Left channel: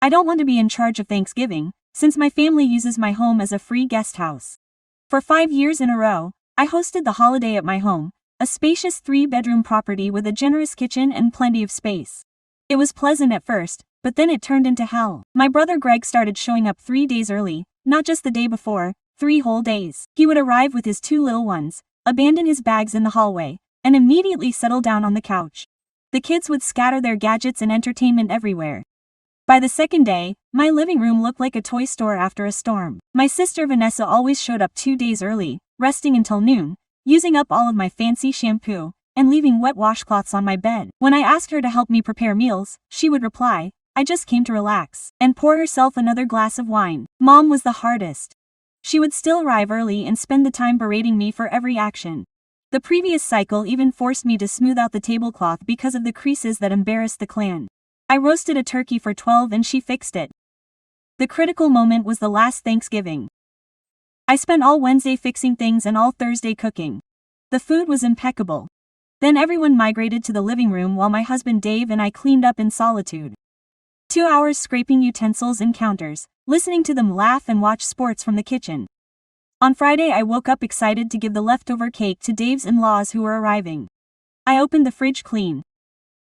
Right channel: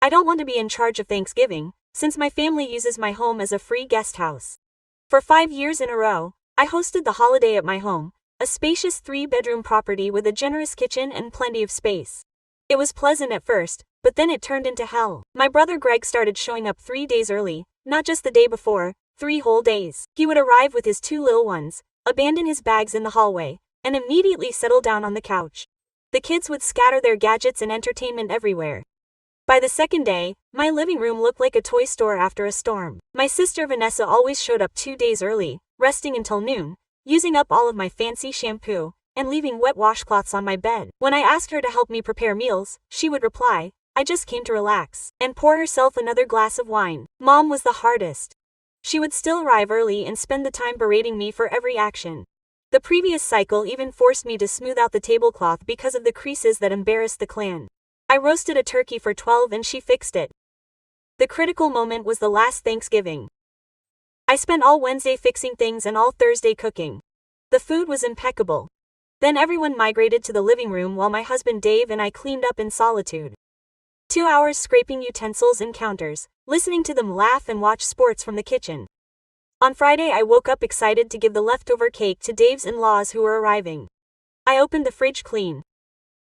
I don't want to be in charge of Thanksgiving, since my family uses my home as a free guest house. For 5 years in a row, I hosted the holiday at my home, a spacious 3-bedroom property with a generous kitchen and plenty of space. It was pleasant at first, but then it turned into hell. My brother Greg started showing up 3 days early, not just the day before, 3 whole days. He would arrive with his 2 little ones, abandon his bags in the hallway, and immediately settle down on the couch. The kids would scatter their gadgets and entertainment everywhere. By the second day, my living room looked like a toy store after a storm. My sister Vanessa always showed up 2 days early, resting until noon, using up all of my fancy shampoo, and leaving wet washcloths on my bed. When I asked her to help me prepare meals, she would reply, "I just came to relax," and pour herself another glass of wine. Mom was the hardest. She would still arrive early and spend the time berating me for every action. The previous cycle even forced me to smooth out the tablecloth because of the creases that embarrassed the clan. I roasted a turkey for 12 and she fixed it. The critical moment was the last Thanksgiving. I spent all Wednesday fixing things and all Thursday cooking. The food was impeccable. Then everyone migrated to the living room while my husband Dave and I cleaned up in solitude. 2 hours scraping utensils and counters, listening to them laugh and watch sports from the kitchen. On Friday I woke up excited to give the leftover cake to Dave's in-laws who were arriving. I opened the fridge clean.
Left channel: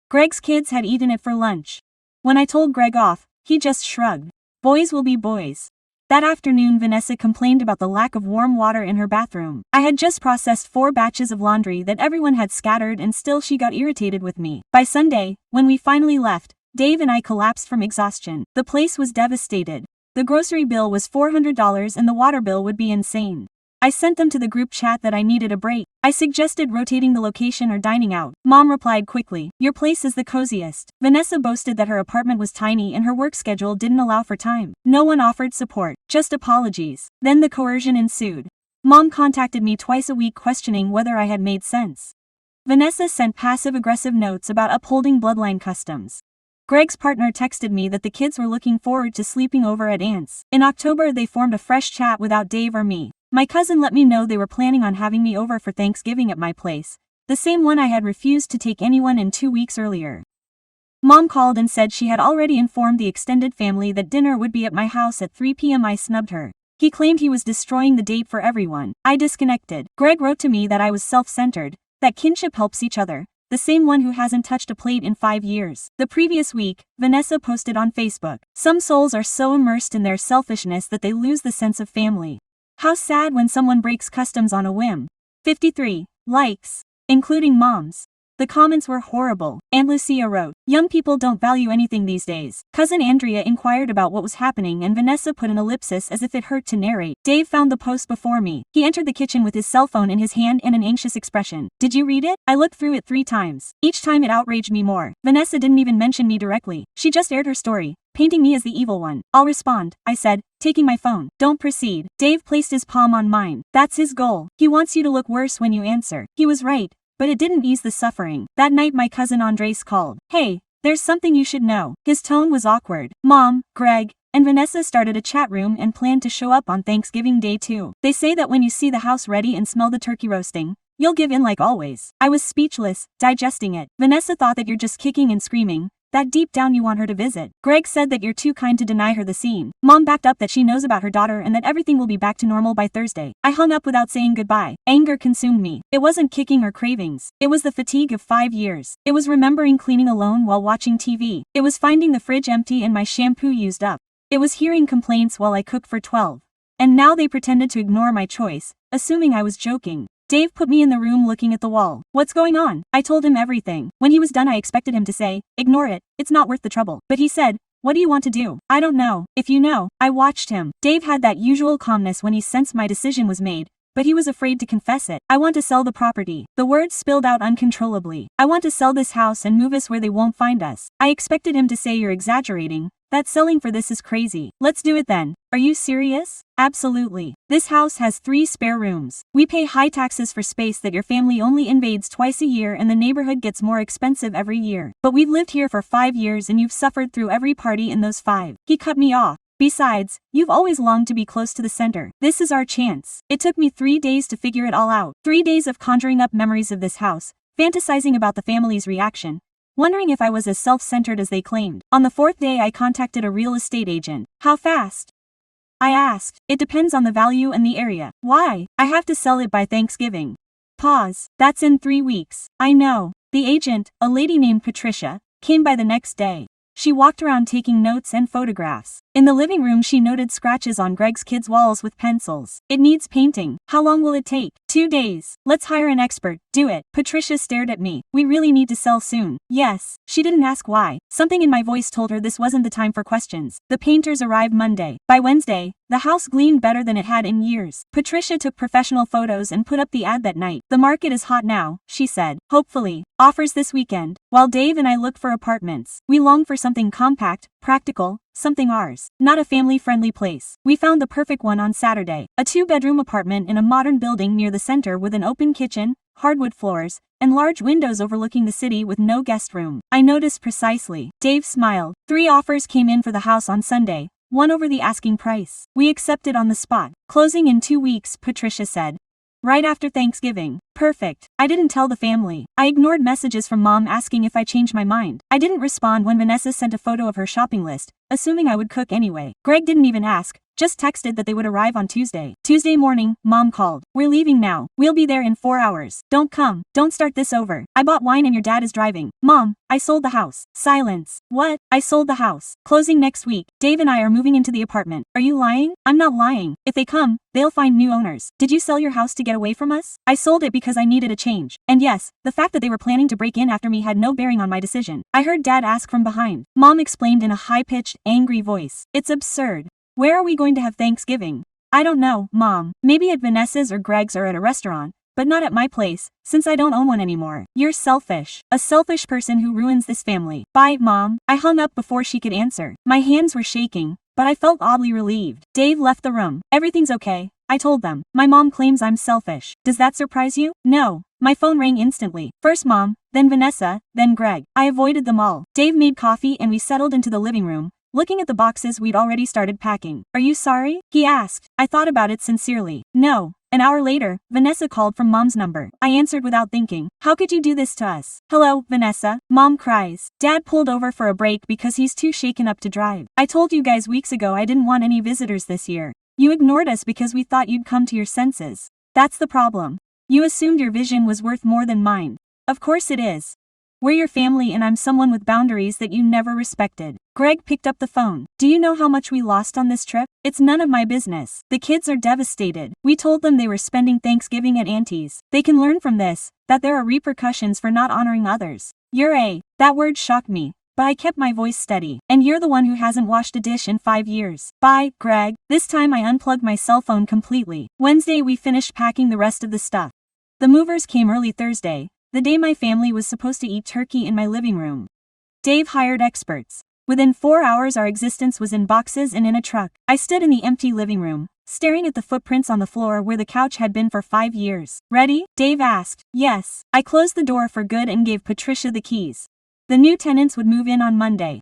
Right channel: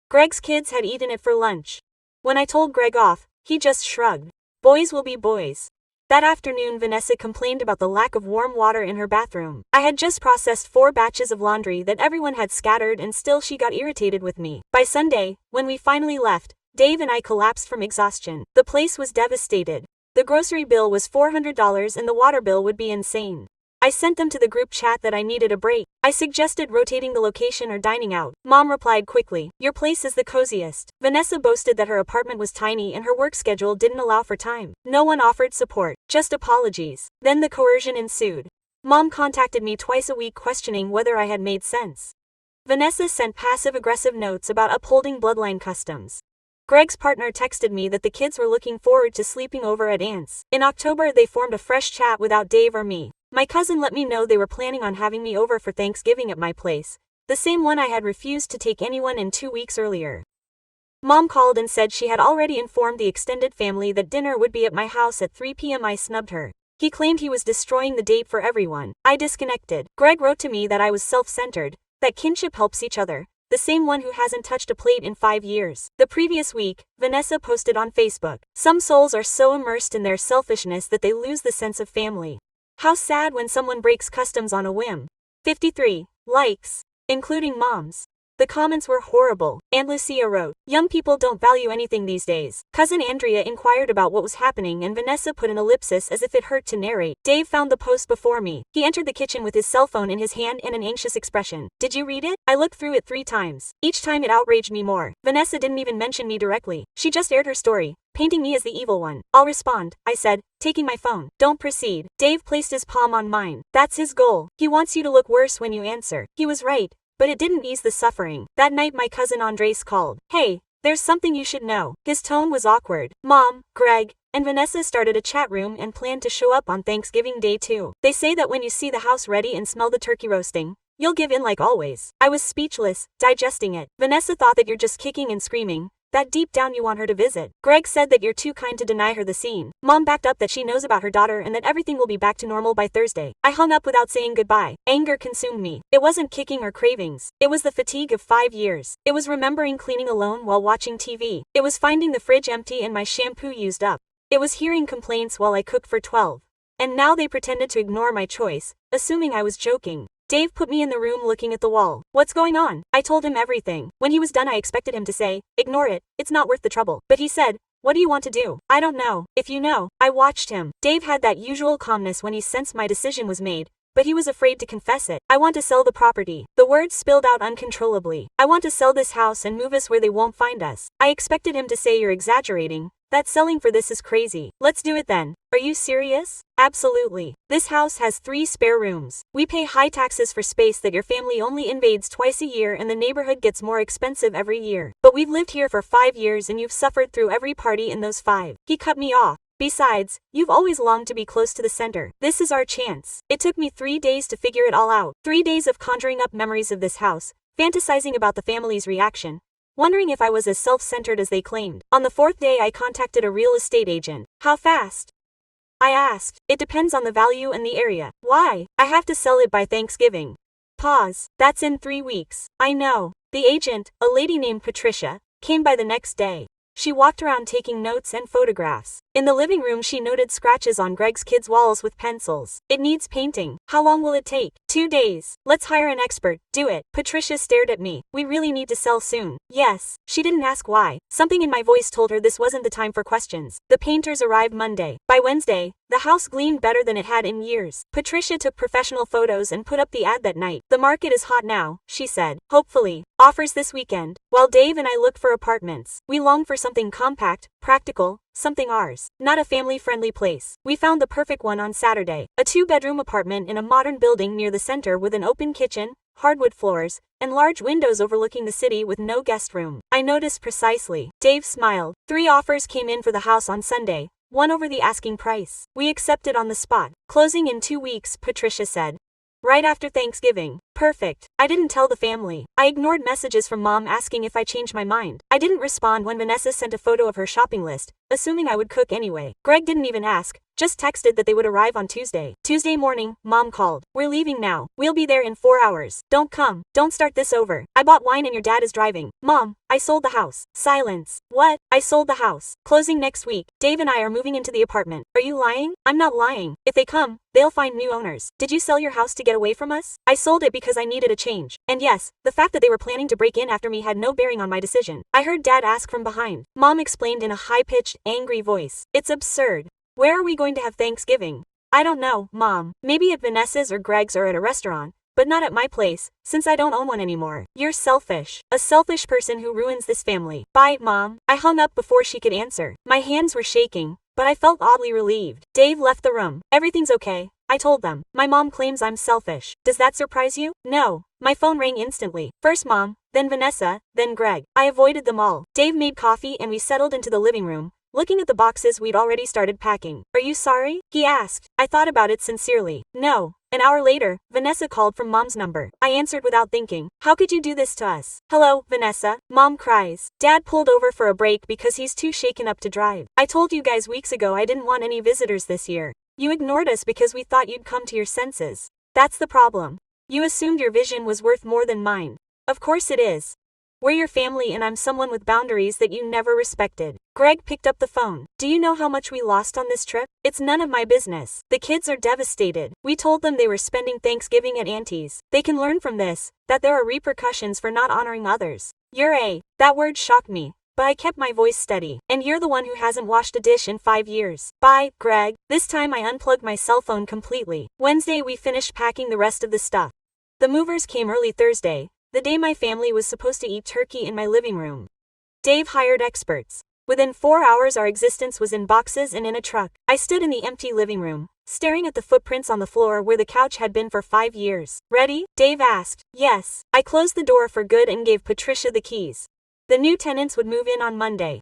Greg's kids had eaten it for lunch. When I told Greg off, he just shrugged. Boys will be boys. That afternoon Vanessa complained about the lack of warm water in her bathroom. I had just processed 4 batches of laundry that everyone had scattered and still she got irritated with me. By Sunday, when we finally left, Dave and I collapsed from exhaustion. The place was devastated. The grocery bill was $400 and the water bill would be insane. I sent them to the group chat that I needed a break. I suggested rotating the location or dining out. Mom replied quickly, "Your place is the coziest." Vanessa boasted that her apartment was tiny and her work schedule didn't allow for time. No one offered support, just apologies. Then the coercion ensued. Mom contacted me twice a week questioning whether I had made sense. Vanessa sent passive-aggressive notes about upholding bloodline customs. Greg's partner texted me that the kids were looking forward to sleeping over at Aunt's. In October they formed a fresh chat without Dave or me. My cousin let me know they were planning on having me over for Thanksgiving at my place, the same one I had refused to take anyone in 2 weeks earlier. Mom called and said she had already informed the extended family that dinner would be at my house at 3 p.m. I snubbed her. He claimed he was destroying the date for everyone. I disconnected. Greg wrote to me that I was self-centered, that kinship helps each other, the same one who hasn't touched a plate in 5 years. The previous week, Vanessa posted on Facebook, "Some souls are so immersed in their selfishness that they lose the sense of family. How sad when someone breaks customs on a whim." 53 likes, including Mom's. The comments were horrible. Aunt Lucia wrote, "Young people don't value anything these days." Cousin Andrea inquired about what was happening and Vanessa put an ellipsis as if it hurt to narrate. Dave found the post before me. He entered the kitchen with his cell phone in his hand and an anxious expression. "Did you read it?" I looked through it 3 times. Each time it outraged me more. Vanessa didn't even mention me directly. She just aired her story, painting me as the evil one. "I'll respond," I said, taking my phone. "Don't proceed." Dave placed his palm on mine. "That's his goal. He wants you to look worse when you answer." He was right. But it didn't ease the suffering. That night my cousin Andres called. "Hey, there's something you should know." His tone was awkward. Mom, Greg, and Vanessa started a chat room and planned to show up on Thanksgiving Day too. They say that when you see the house ready and smell the turkey roasting, you'll give in like always. I was speechless, digesting it. Vanessa thought that you're just kicking and screaming, that deep down you want her to visit. Greg said that you're too kind to deny her the scene. Mom backed up that she knows about her daughter and that everything will be back to normal by Thursday. I hung up without saying goodbye. Anger consumed me. It wasn't kicking or cravings. It was the fatigue of 5 years. It was remembering cleaning alone while watching TV. It was finding the fridge empty and my shampoo used up. It was hearing complaints while I cooked for 12. And now they pretended to ignore my choice, assuming I was joking. Dave put me in the room looking at the wall. "What's going on?" I told him everything. When he was done I expected him to say, "Ignore it, it's not worth the trouble." But he said, "What do you want to do?" "I don't know." "If you know." I watched him. Dave had that usual calmness when he sensed my decision was made, but he was afraid to confess it. "I want to sell the property." The words spilled out uncontrollably. "I want to sell this house and move us where they won't find us." I expected him to say, "You're exaggerating. That selling for this is crazy." "Let's do it then." "Are you serious?" "Absolutely. This house has 3 spare rooms. We pay high taxes for space that your family only invades twice a year and the neighborhood gets more expensive every year. But we've lived here for 5 years and you've suffered through every party in those 5. He cut me off. "Besides, you've always longed to be close to the center. This is our chance." It took me 3 days to figure it all out. 3 days of conjuring up memories of this house, fantasizing about the family's reaction, wondering if I was as self-centered as they claimed. On the fourth day I contacted a real estate agent. How fast? I asked. It depends on the value and the area. Why? I have to sell it by Thanksgiving. Pause. That's in 3 weeks. I know. The agent, a lady named Patricia, came by the next day. She walked around taking notes and photographs. In the living room she noted scratches on Greg's kids' walls with pencils. It needs painting. How long will it take? 2 days. Let's hire an expert. Do it. Patricia stared at me. We really need to sell soon. Yes. She didn't ask why. Something in my voice told her this wasn't the time for questions. The painters arrived Monday. By Wednesday, the house gleamed better than it had in years. Patricia took professional photos and put up the ad that night. The market is hot now, she said. Hopefully. Offers this weekend. While Dave and I look for apartments, we long for something compact, practical, something ours, not a family-friendly place. We found the perfect one on Saturday. A 2-bedroom apartment in a modern building near the center with an open kitchen, hardwood floors, and large windows overlooking the city with no guest room. I noticed precisely. Dave smiled. 3 offers came in for the house on Sunday, one over the asking price. We accepted on the spot. Closing in 2 weeks, Patricia said. Right after Thanksgiving. Perfect. I didn't tell the family. I ignored messages from Mom asking if I changed my mind. I didn't respond when Vanessa sent a photo of her shopping list, assuming I would cook anyway. Greg didn't even ask, just texted that they would arrive on Tuesday. Tuesday morning, Mom called. We're leaving now. We'll be there in 4 hours. Don't come. Don't start this over. I bought wine and your dad is driving. Mom, I sold the house. Silence. What? I sold the house. Closing next week. Dave and I are moving into the apartment. Are you lying? I'm not lying. If they come, they'll find new owners. Did you sell your house to get away from us? I sold it because I needed a change. And yes, the fact that they were planning to break in after me had no bearing on my decision. I heard Dad ask from behind. Mom explained in a high-pitched, angry voice. It's absurd. Where are we going to have Thanksgiving? I don't know, Mom. Maybe at Vanessa's or Greg's or at a restaurant, but not at my place, since I don't own one anymore. You're selfish. A selfish person who ruins this family. Bye, Mom. I hung up before she could answer. My hands were shaking, but I felt oddly relieved. Dave left the room. Everything's okay, I told them. My mom claims I'm selfish. Does that surprise you? No. My phone rang instantly. First Mom, then Vanessa, then Greg. I avoided them all. Dave made coffee and we settled into the living room, looking at the boxes we'd already started packing. Are you sorry? He asked. I thought about it sincerely. No. An hour later, Vanessa called from Mom's number. I answered without thinking. How could you do this to us? Hello, Vanessa. Mom cries. Dad pulled over for a break because he's too shaken up to drive. I told you guys weeks ago I didn't want any visitors this year. You ignored us because we thought you'd come to your senses. That's the problem. You assumed your vision was worth more than mine. Of course it is. We're your family and I'm someone with boundaries that you never respected. Greg picked up the phone. Do you know how much we lost on this trip? It's none of my business. The kids are devastated. We told them they were spending Thanksgiving at Auntie's. They can learn from this, that there are repercussions for not honoring others. That word shocked me, but I kept my voice steady. And you're the one who hasn't washed a dish in 5 years. Bye, Greg. This time I unplugged my cell phone completely. Wednesday we finished packing the rest of the stuff. The movers came early Thursday, the day my family was supposed to eat turkey in my living room. Dave hired experts. Within 4 hours our existence was in boxes and in a truck. I stood in the empty living room, staring at the footprints on the floor where the couch had been for 5 years. Ready? Dave asked. Yes. I closed the door for good and gave Patricia the keys. The new tenants would move in on Monday.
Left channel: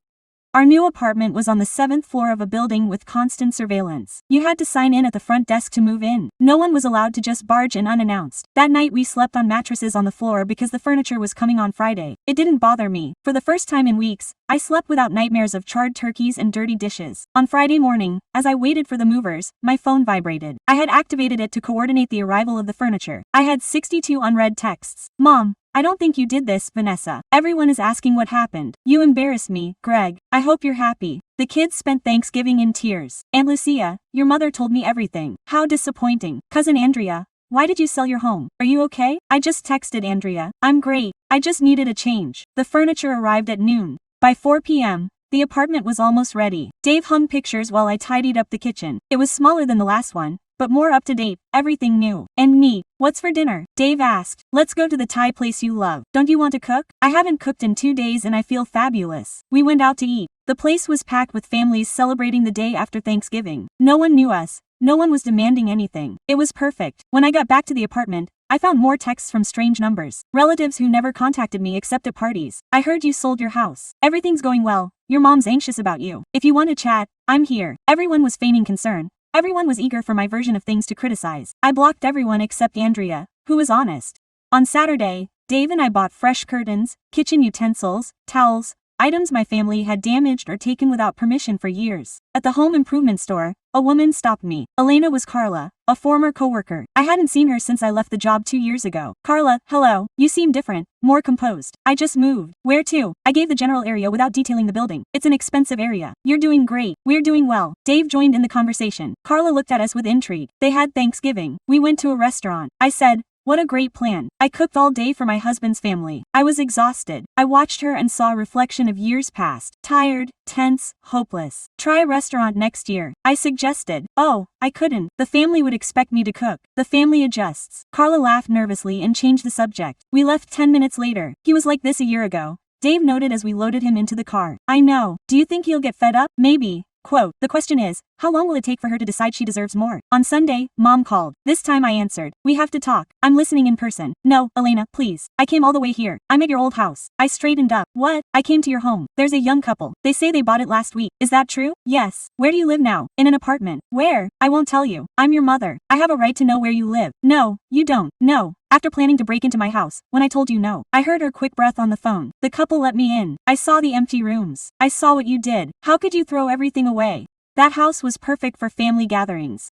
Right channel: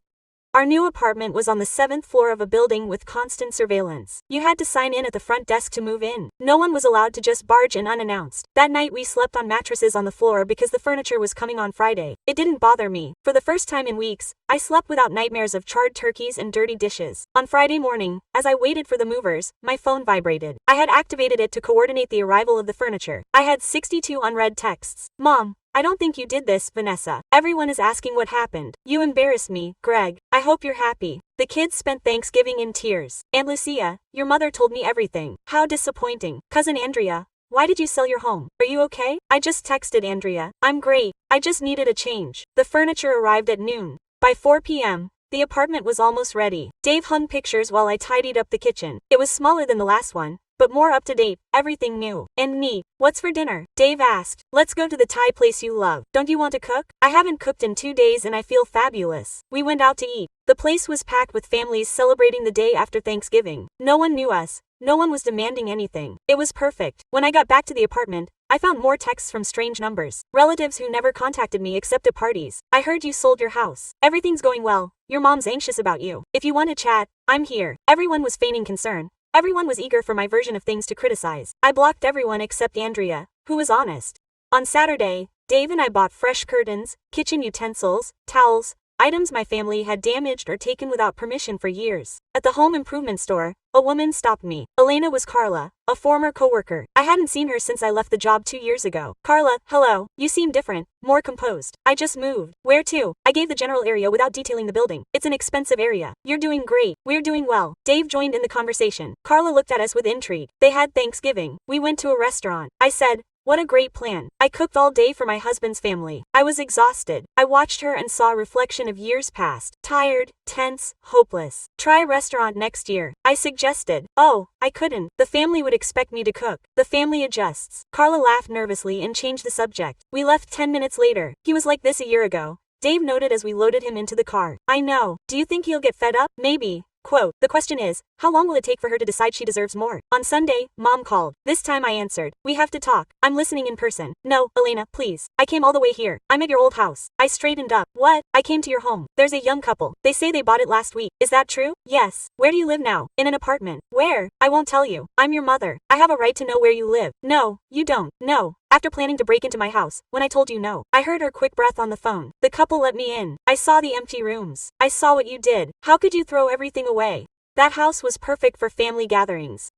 Our new apartment was on the 7th floor of a building with constant surveillance. You had to sign in at the front desk to move in. No one was allowed to just barge in unannounced. That night we slept on mattresses on the floor because the furniture was coming on Friday. It didn't bother me. For the first time in weeks, I slept without nightmares of charred turkeys and dirty dishes. On Friday morning, as I waited for the movers, my phone vibrated. I had activated it to coordinate the arrival of the furniture. I had 62 unread texts. Mom, I don't think you did this, Vanessa. Everyone is asking what happened. You embarrassed me, Greg. I hope you're happy. The kids spent Thanksgiving in tears. Aunt Lucia, your mother told me everything. How disappointing. Cousin Andrea, why did you sell your home? Are you okay? I just texted Andrea. I'm great. I just needed a change. The furniture arrived at noon. By 4 p.m., the apartment was almost ready. Dave hung pictures while I tidied up the kitchen. It was smaller than the last one, but more up to date, everything new and neat. What's for dinner? Dave asked. Let's go to the Thai place you love. Don't you want to cook? I haven't cooked in 2 days and I feel fabulous. We went out to eat. The place was packed with families celebrating the day after Thanksgiving. No one knew us. No one was demanding anything. It was perfect. When I got back to the apartment, I found more texts from strange numbers. Relatives who never contacted me except at parties. I heard you sold your house. Everything's going well. Your mom's anxious about you. If you want to chat, I'm here. Everyone was feigning concern. Everyone was eager for my version of things to criticize. I blocked everyone except Andrea, who was honest. On Saturday, Dave and I bought fresh curtains, kitchen utensils, towels, items my family had damaged or taken without permission for years. At the home improvement store, a woman stopped me. Elena was Carla, a former coworker. I hadn't seen her since I left the job 2 years ago. Carla, hello. You seem different, more composed. I just moved. Where to? I gave the general area without detailing the building. It's an expensive area. You're doing great. We're doing well. Dave joined in the conversation. Carla looked at us with intrigue. They had Thanksgiving. We went to a restaurant. I said, what a great plan. I cooked all day for my husband's family. I was exhausted. I watched her and saw a reflection of years past. Tired, tense, hopeless. Try a restaurant next year. I suggested. Oh, I couldn't. The family would expect me to cook. The family adjusts. Carla laughed nervously and changed the subject. We left 10 minutes later. He was like this a year ago. Dave noted as we loaded him into the car. I know. Do you think he'll get fed up? Maybe. Quote, the question is, how long will it take for her to decide she deserves more? On Sunday, Mom called. This time I answered. We have to talk. I'm listening in person. No, Elena, please. I came all the way here. I'm at your old house. I straightened up. What? I came to your home. There's a young couple. They say they bought it last week. Is that true? Yes. Where do you live now? In an apartment. Where? I won't tell you. I'm your mother. I have a right to know where you live. No, you don't. No. After planning to break into my house, when I told you no, I heard her quick breath on the phone. The couple let me in. I saw the empty rooms. I saw what you did. How could you throw everything away? That house was perfect for family gatherings.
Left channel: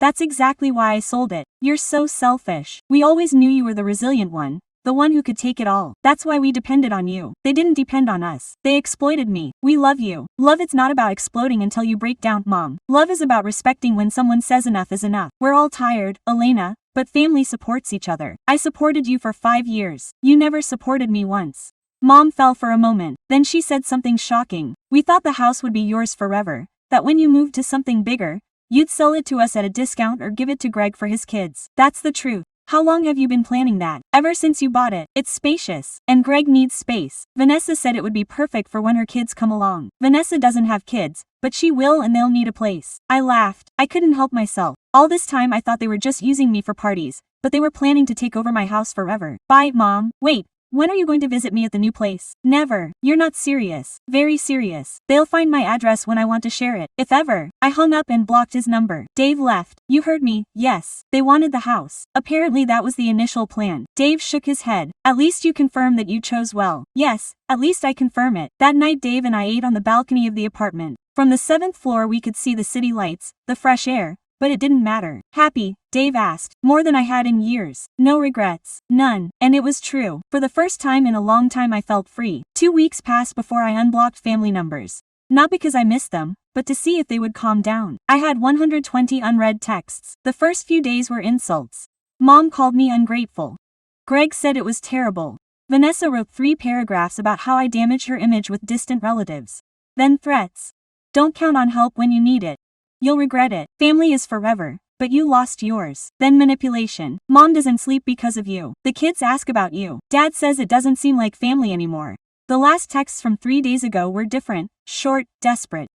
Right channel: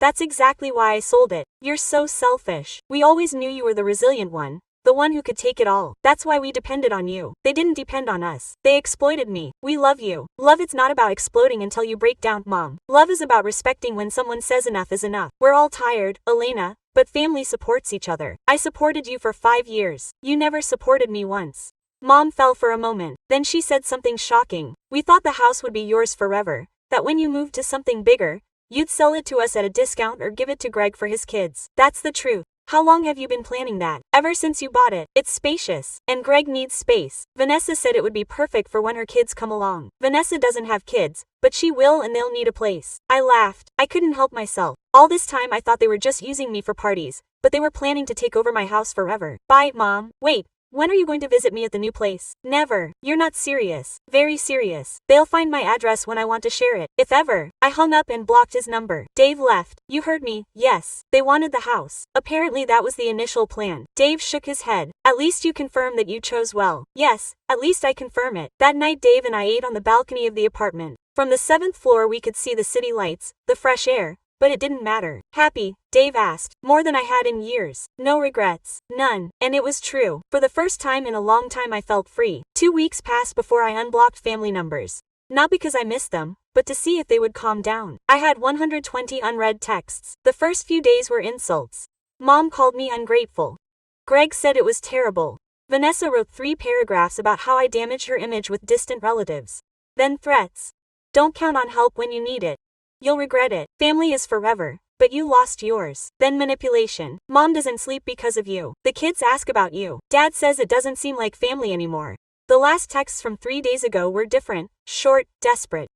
That's exactly why I sold it. You're so selfish. We always knew you were the resilient one, the one who could take it all. That's why we depended on you. They didn't depend on us. They exploited me. We love you. Love it's not about exploding until you break down, Mom. Love is about respecting when someone says enough is enough. We're all tired, Elena, but family supports each other. I supported you for 5 years. You never supported me once. Mom fell for a moment. Then she said something shocking. We thought the house would be yours forever. That when you moved to something bigger, you'd sell it to us at a discount or give it to Greg for his kids. That's the truth. How long have you been planning that? Ever since you bought it. It's spacious. And Greg needs space. Vanessa said it would be perfect for when her kids come along. Vanessa doesn't have kids, but she will and they'll need a place. I laughed. I couldn't help myself. All this time I thought they were just using me for parties, but they were planning to take over my house forever. Bye, Mom. Wait. When are you going to visit me at the new place? Never. You're not serious. Very serious. They'll find my address when I want to share it. If ever. I hung up and blocked his number. Dave left. You heard me. Yes. They wanted the house. Apparently that was the initial plan. Dave shook his head. At least you confirm that you chose well. Yes. At least I confirm it. That night Dave and I ate on the balcony of the apartment. From the 7th floor we could see the city lights, the fresh air. But it didn't matter. Happy? Dave asked. More than I had in years. No regrets. None. And it was true. For the first time in a long time I felt free. 2 weeks passed before I unblocked family numbers. Not because I missed them, but to see if they would calm down. I had 120 unread texts. The first few days were insults. Mom called me ungrateful. Greg said it was terrible. Vanessa wrote 3 paragraphs about how I damaged her image with distant relatives. Then threats. Don't count on help when you need it. You'll regret it. Family is forever, but you lost yours. Then manipulation. Mom doesn't sleep because of you. The kids ask about you. Dad says it doesn't seem like family anymore. The last texts from 3 days ago were different, short, desperate.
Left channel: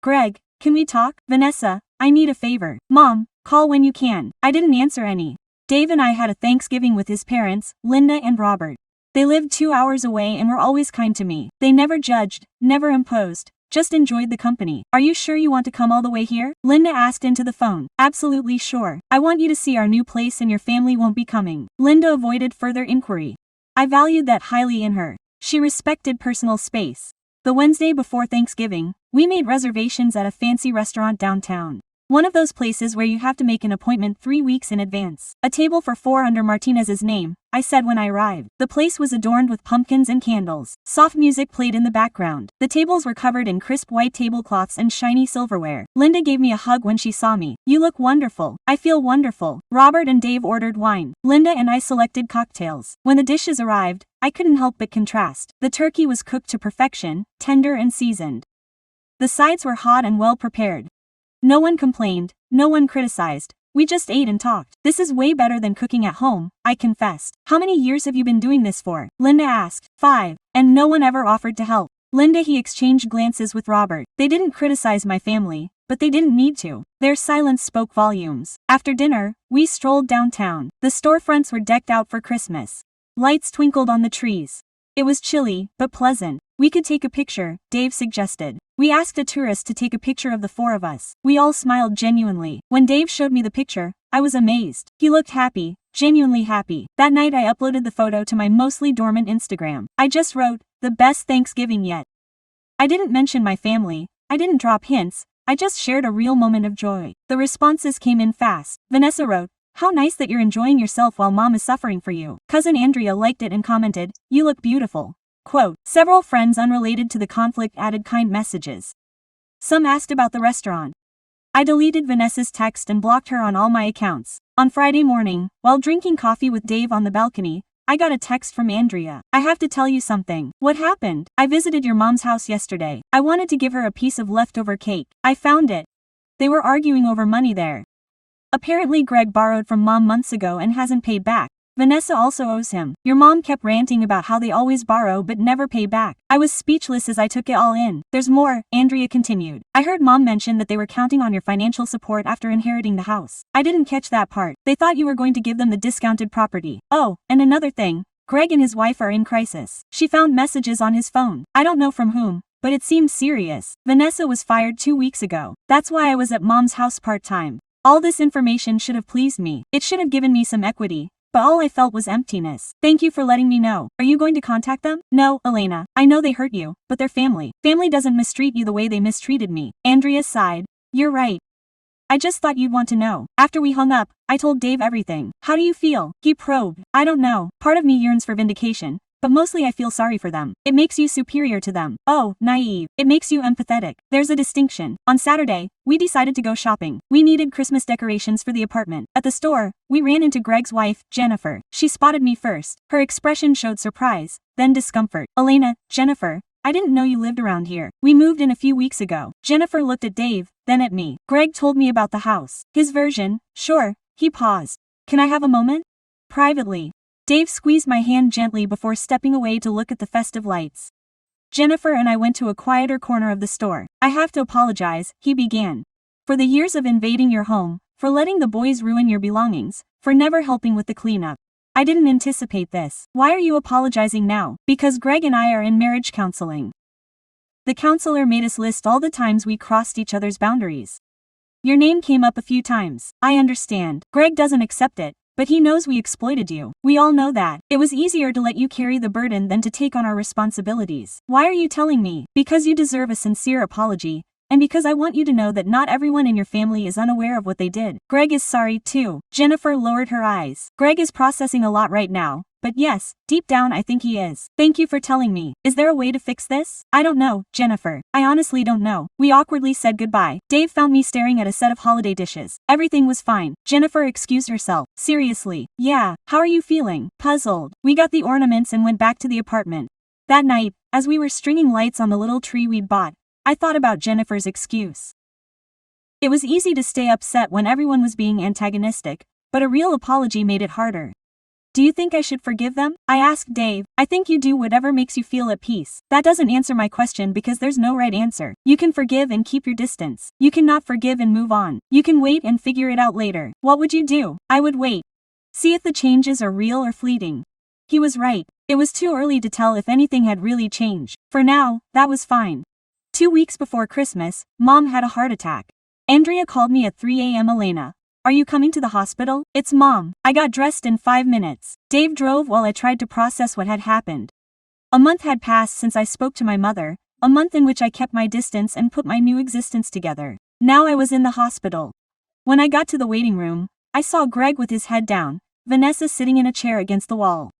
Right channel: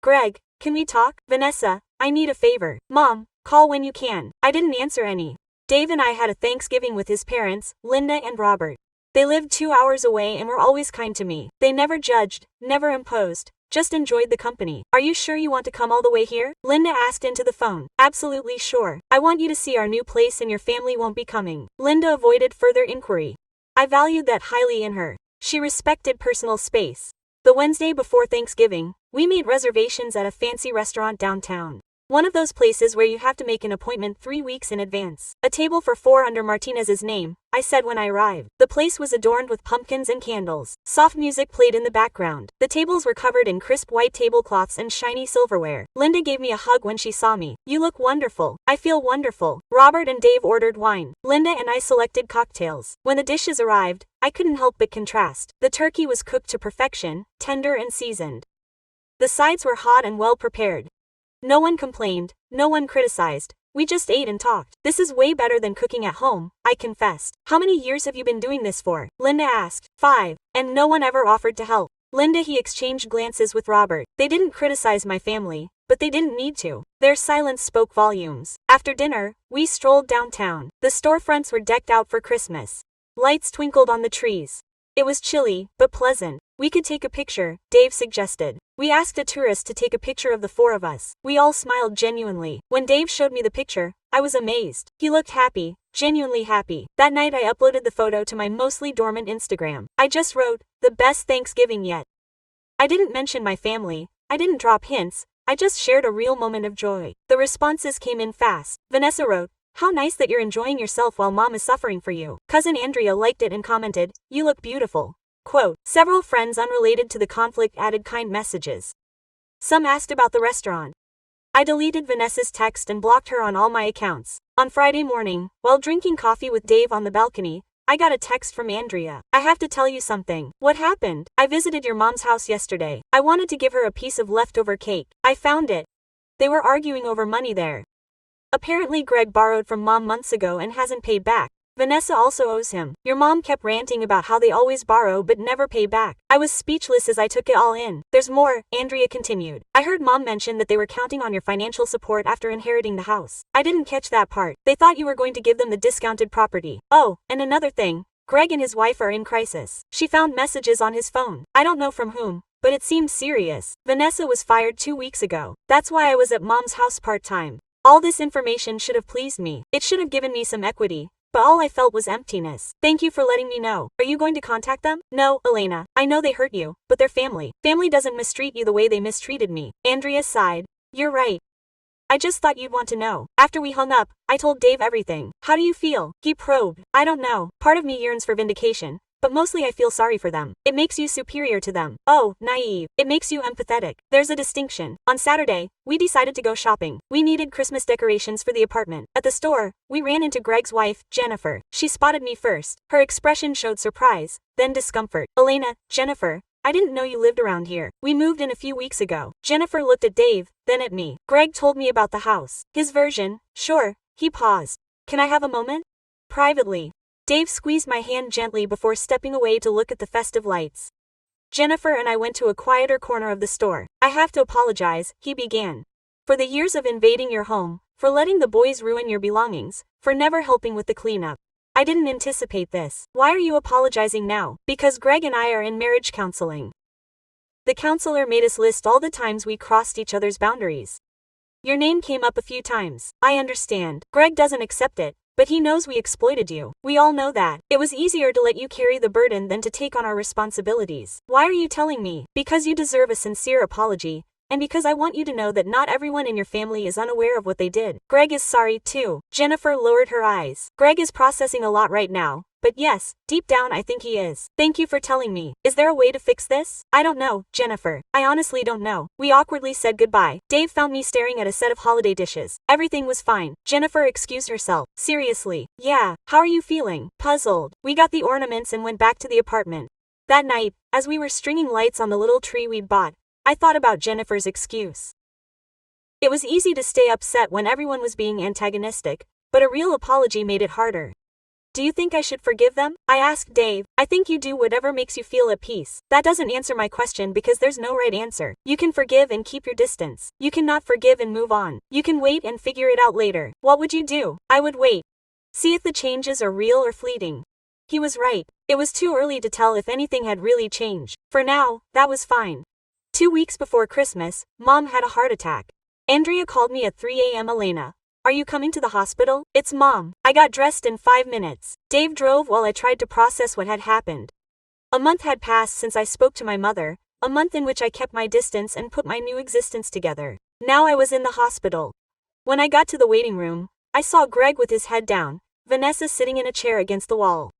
Greg, can we talk? Vanessa, I need a favor. Mom, call when you can. I didn't answer any. Dave and I had a Thanksgiving with his parents, Linda and Robert. They lived 2 hours away and were always kind to me. They never judged, never imposed. Just enjoyed the company. Are you sure you want to come all the way here? Linda asked into the phone. Absolutely sure. I want you to see our new place and your family won't be coming. Linda avoided further inquiry. I valued that highly in her. She respected personal space. The Wednesday before Thanksgiving, we made reservations at a fancy restaurant downtown. One of those places where you have to make an appointment 3 weeks in advance. A table for 4 under Martinez's name, I said when I arrived. The place was adorned with pumpkins and candles. Soft music played in the background. The tables were covered in crisp white tablecloths and shiny silverware. Linda gave me a hug when she saw me. You look wonderful. I feel wonderful. Robert and Dave ordered wine. Linda and I selected cocktails. When the dishes arrived, I couldn't help but contrast. The turkey was cooked to perfection, tender and seasoned. The sides were hot and well prepared. No one complained, no one criticized. We just ate and talked. This is way better than cooking at home, I confessed. How many years have you been doing this for? Linda asked. 5. And no one ever offered to help. Linda he exchanged glances with Robert. They didn't criticize my family, but they didn't need to. Their silence spoke volumes. After dinner, we strolled downtown. The storefronts were decked out for Christmas. Lights twinkled on the trees. It was chilly, but pleasant. We could take a picture, Dave suggested. We asked a tourist to take a picture of the four of us. We all smiled genuinely. When Dave showed me the picture, I was amazed. He looked happy, genuinely happy. That night I uploaded the photo to my mostly dormant Instagram. I just wrote, "The best Thanksgiving yet." I didn't mention my family, I didn't drop hints, I just shared a real moment of joy. The responses came in fast. Vanessa wrote, "How nice that you're enjoying yourself while mom is suffering for you." Cousin Andrea liked it and commented, "You look beautiful." Quote, several friends unrelated to the conflict added kind messages. Some asked about the restaurant. I deleted Vanessa's text and blocked her on all my accounts. On Friday morning, while drinking coffee with Dave on the balcony, I got a text from Andrea. "I have to tell you something." "What happened?" "I visited your mom's house yesterday. I wanted to give her a piece of leftover cake. I found it." They were arguing over money there. Apparently Greg borrowed from mom months ago and hasn't paid back. Vanessa also owes him. "Your mom kept ranting about how they always borrow but never pay back." I was speechless as I took it all in. "There's more," Andrea continued. "I heard mom mention that they were counting on your financial support after inheriting the house. I didn't catch that part. They thought you were going to give them the discounted property. Oh, and another thing, Greg and his wife are in crisis. She found messages on his phone. I don't know from whom, but it seems serious. Vanessa was fired 2 weeks ago. That's why I was at mom's house part-time." All this information should have pleased me. It should have given me some equity. But all I felt was emptiness. "Thank you for letting me know. Are you going to contact them?" "No, Elena. I know they hurt you, but they're family. Family doesn't mistreat you the way they mistreated me." Andrea sighed. "You're right. I just thought you'd want to know." After we hung up, I told Dave everything. "How do you feel?" He probed. "I don't know. Part of me yearns for vindication, but mostly I feel sorry for them. It makes you superior to them." "Oh, naive. It makes you empathetic. There's a distinction." On Saturday, we decided to go shopping. We needed Christmas decorations for the apartment. At the store, we ran into Greg's wife, Jennifer. She spotted me first. Her expression showed surprise, then discomfort. "Elena, Jennifer, I didn't know you lived around here. We moved in a few weeks ago." Jennifer looked at Dave, then at me. "Greg told me about the house. His version." "Sure." He paused. "Can I have a moment?" "Privately." Dave squeezed my hand gently before stepping away to look at the festive lights. Jennifer and I went to a quieter corner of the store. "I have to apologize," he began. "For the years of invading your home, for letting the boys ruin your belongings, for never helping with the cleanup. I didn't anticipate this." "Why are you apologizing now?" "Because Greg and I are in marriage counseling. The counselor made us list all the times we crossed each other's boundaries. Your name came up a few times." "I understand. Greg doesn't accept it, but he knows we exploited you. We all know that. It was easier to let you carry the burden than to take on our responsibilities." "Why are you telling me?" "Because you deserve a sincere apology, and because I want you to know that not everyone in your family is unaware of what they did. Greg is sorry too." Jennifer lowered her eyes. "Greg is processing a lot right now, but yes, deep down I think he is. Thank you for telling me. Is there a way to fix this?" "I don't know, Jennifer. I honestly don't know." We awkwardly said goodbye. Dave found me staring at a set of holiday dishes. Everything was fine. Jennifer excused herself. "Seriously." "Yeah. How are you feeling?" "Puzzled." We got the ornaments and went back to the apartment. That night, as we were stringing lights on the little tree we'd bought, I thought about Jennifer's excuse. It was easy to stay upset when everyone was being antagonistic, but a real apology made it harder. "Do you think I should forgive them?" I asked Dave. "I think you do whatever makes you feel at peace." That doesn't answer my question because there's no right answer. You can forgive and keep your distance. You cannot forgive and move on. You can wait and figure it out later. What would you do? I would wait. See if the changes are real or fleeting. He was right. It was too early to tell if anything had really changed. For now, that was fine. 2 weeks before Christmas, Mom had a heart attack. Andrea called me at 3 a.m. "Elena, are you coming to the hospital?" "It's Mom." I got dressed in 5 minutes. Dave drove while I tried to process what had happened. A month had passed since I spoke to my mother, a month in which I kept my distance and put my new existence together. Now I was in the hospital. When I got to the waiting room, I saw Greg with his head down, Vanessa sitting in a chair against the wall.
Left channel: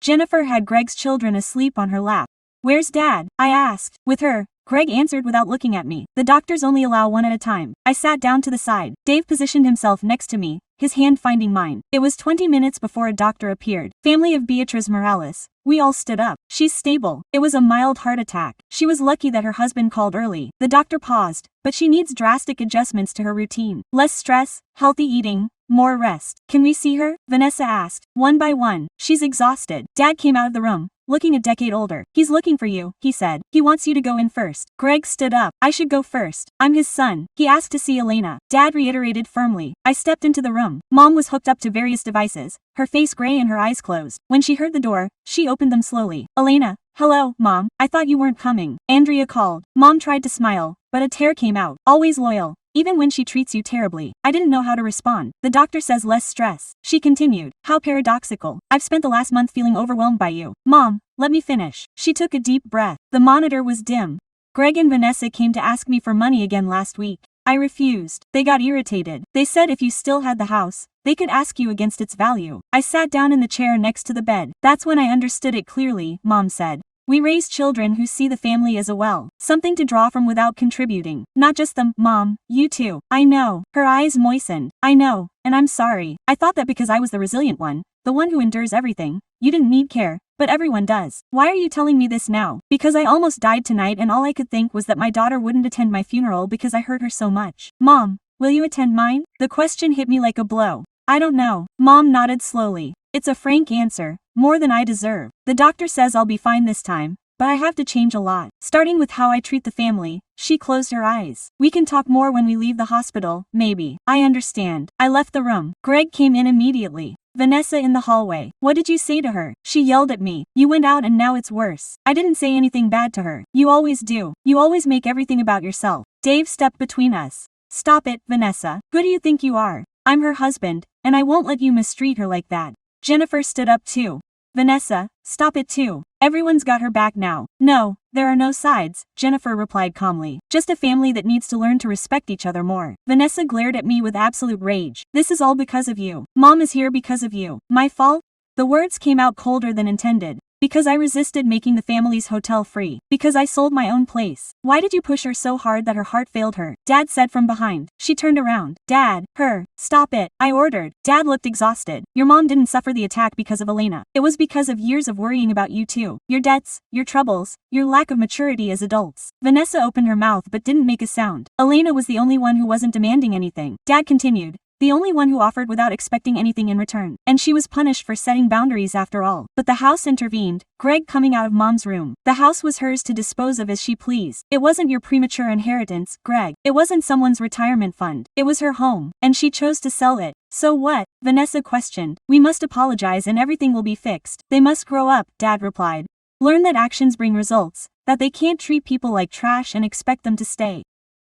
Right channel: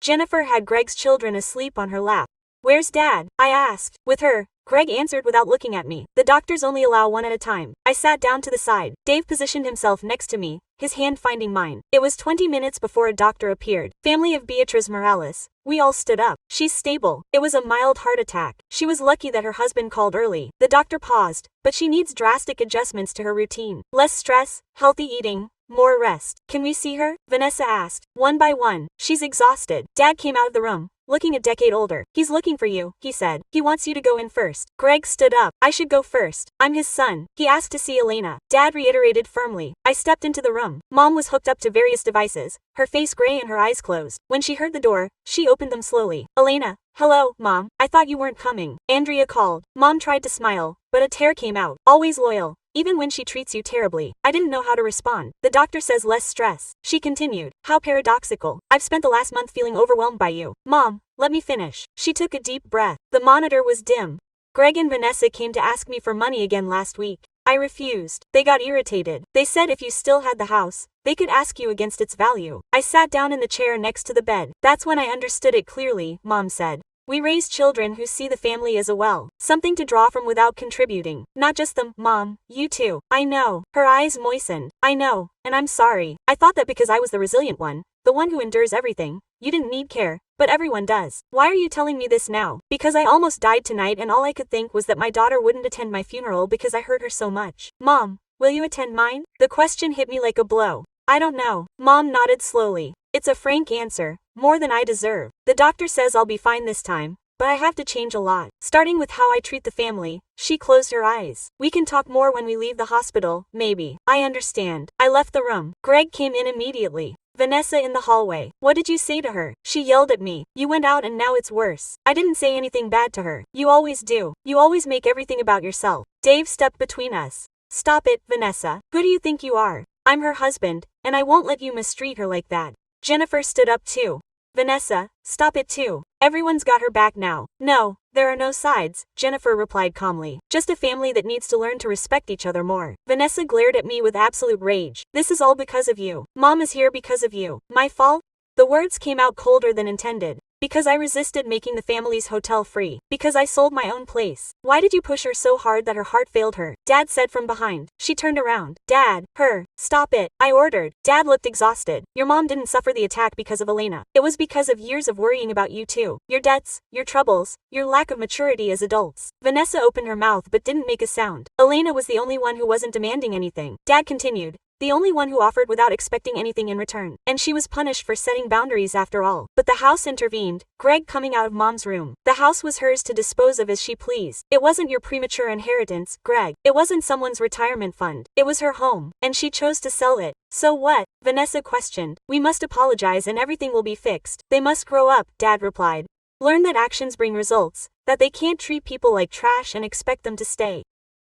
Jennifer had Greg's children asleep on her lap. "Where's Dad?" I asked. "With her," Greg answered without looking at me. "The doctors only allow one at a time." I sat down to the side. Dave positioned himself next to me, his hand finding mine. It was 20 minutes before a doctor appeared. "Family of Beatriz Morales." We all stood up. "She's stable. It was a mild heart attack. She was lucky that her husband called early." The doctor paused, "But she needs drastic adjustments to her routine. Less stress, healthy eating, more rest. Can we see her? Vanessa asked, one by one. She's exhausted. Dad came out of the room, looking a decade older. He's looking for you, he said. He wants you to go in first. Greg stood up. I should go first. I'm his son. He asked to see Elena. Dad reiterated firmly. I stepped into the room. Mom was hooked up to various devices, her face gray and her eyes closed. When she heard the door, she opened them slowly. Elena. Hello, Mom. I thought you weren't coming. Andrea called. Mom tried to smile, but a tear came out. Always loyal. Even when she treats you terribly. I didn't know how to respond. The doctor says less stress. She continued. How paradoxical. I've spent the last month feeling overwhelmed by you. Mom, let me finish. She took a deep breath. The monitor was dim. Greg and Vanessa came to ask me for money again last week. I refused. They got irritated. They said if you still had the house, they could ask you against its value. I sat down in the chair next to the bed. That's when I understood it clearly, Mom said. We raise children who see the family as a well, something to draw from without contributing. Not just them, Mom, you too. I know. Her eyes moistened. I know, and I'm sorry. I thought that because I was the resilient one, the one who endures everything, you didn't need care, but everyone does. Why are you telling me this now? Because I almost died tonight and all I could think was that my daughter wouldn't attend my funeral because I hurt her so much. Mom, will you attend mine? The question hit me like a blow. I don't know. Mom nodded slowly. It's a frank answer, more than I deserve. The doctor says I'll be fine this time, but I have to change a lot. Starting with how I treat the family. She closed her eyes. We can talk more when we leave the hospital, maybe. I understand. I left the room. Greg came in immediately. Vanessa in the hallway. What did you say to her? She yelled at me. You went out and now it's worse. I didn't say anything bad to her. You always do. You always make everything about yourself. Dave stepped between us. Stop it, Vanessa. Who do you think you are? I'm her husband, and I won't let you mistreat her like that. Jennifer stood up too. Vanessa, stop it too. Everyone's got her back now. No, there are no sides, Jennifer replied calmly. Just a family that needs to learn to respect each other more. Vanessa glared at me with absolute rage. This is all because of you. Mom is here because of you. My fault? The words came out colder than intended. Because I resisted making the family's hotel free. Because I sold my own place. Why did you push her so hard that her heart failed her? Dad said from behind. She turned around. Dad, her, stop it, I ordered. Dad looked exhausted. Your mom didn't suffer the attack because of Elena. It was because of years of worrying about you too. Your debts, your troubles, your lack of maturity as adults. Vanessa opened her mouth but didn't make a sound. Elena was the only one who wasn't demanding anything. Dad continued. The only one who offered without expecting anything in return. And she was punished for setting boundaries after all. But the house intervened, Greg coming out of Mom's room. The house was hers to dispose of as she pleased. It wasn't your premature inheritance, Greg. It wasn't someone's retirement fund. It was her home. And she chose to sell it. So what? Vanessa questioned. We must apologize and everything will be fixed. They must grow up, Dad replied. Learn that actions bring results, that they can't treat people like trash and expect them to stay.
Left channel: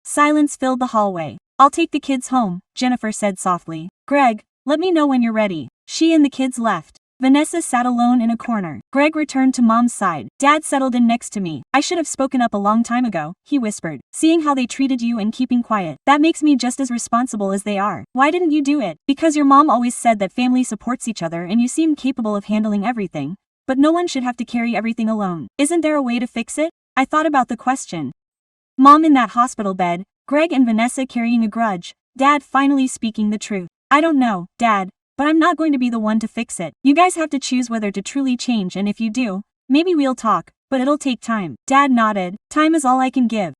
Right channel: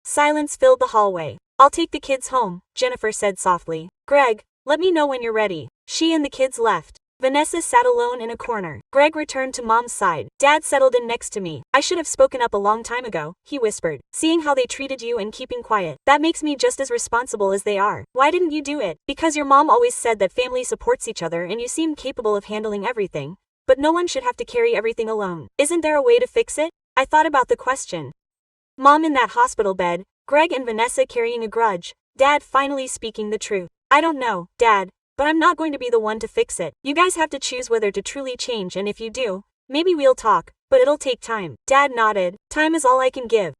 Silence filled the hallway. I'll take the kids home, Jennifer said softly. Greg, let me know when you're ready. She and the kids left. Vanessa sat alone in a corner. Greg returned to Mom's side. Dad settled in next to me. I should have spoken up a long time ago, he whispered. Seeing how they treated you and keeping quiet. That makes me just as responsible as they are. Why didn't you do it? Because your mom always said that family supports each other and you seem capable of handling everything. But no one should have to carry everything alone. Isn't there a way to fix it? I thought about the question. Mom in that hospital bed, Greg and Vanessa carrying a grudge, Dad finally speaking the truth. I don't know, Dad, but I'm not going to be the one to fix it. You guys have to choose whether to truly change, and if you do, maybe we'll talk, but it'll take time. Dad nodded. Time is all I can give.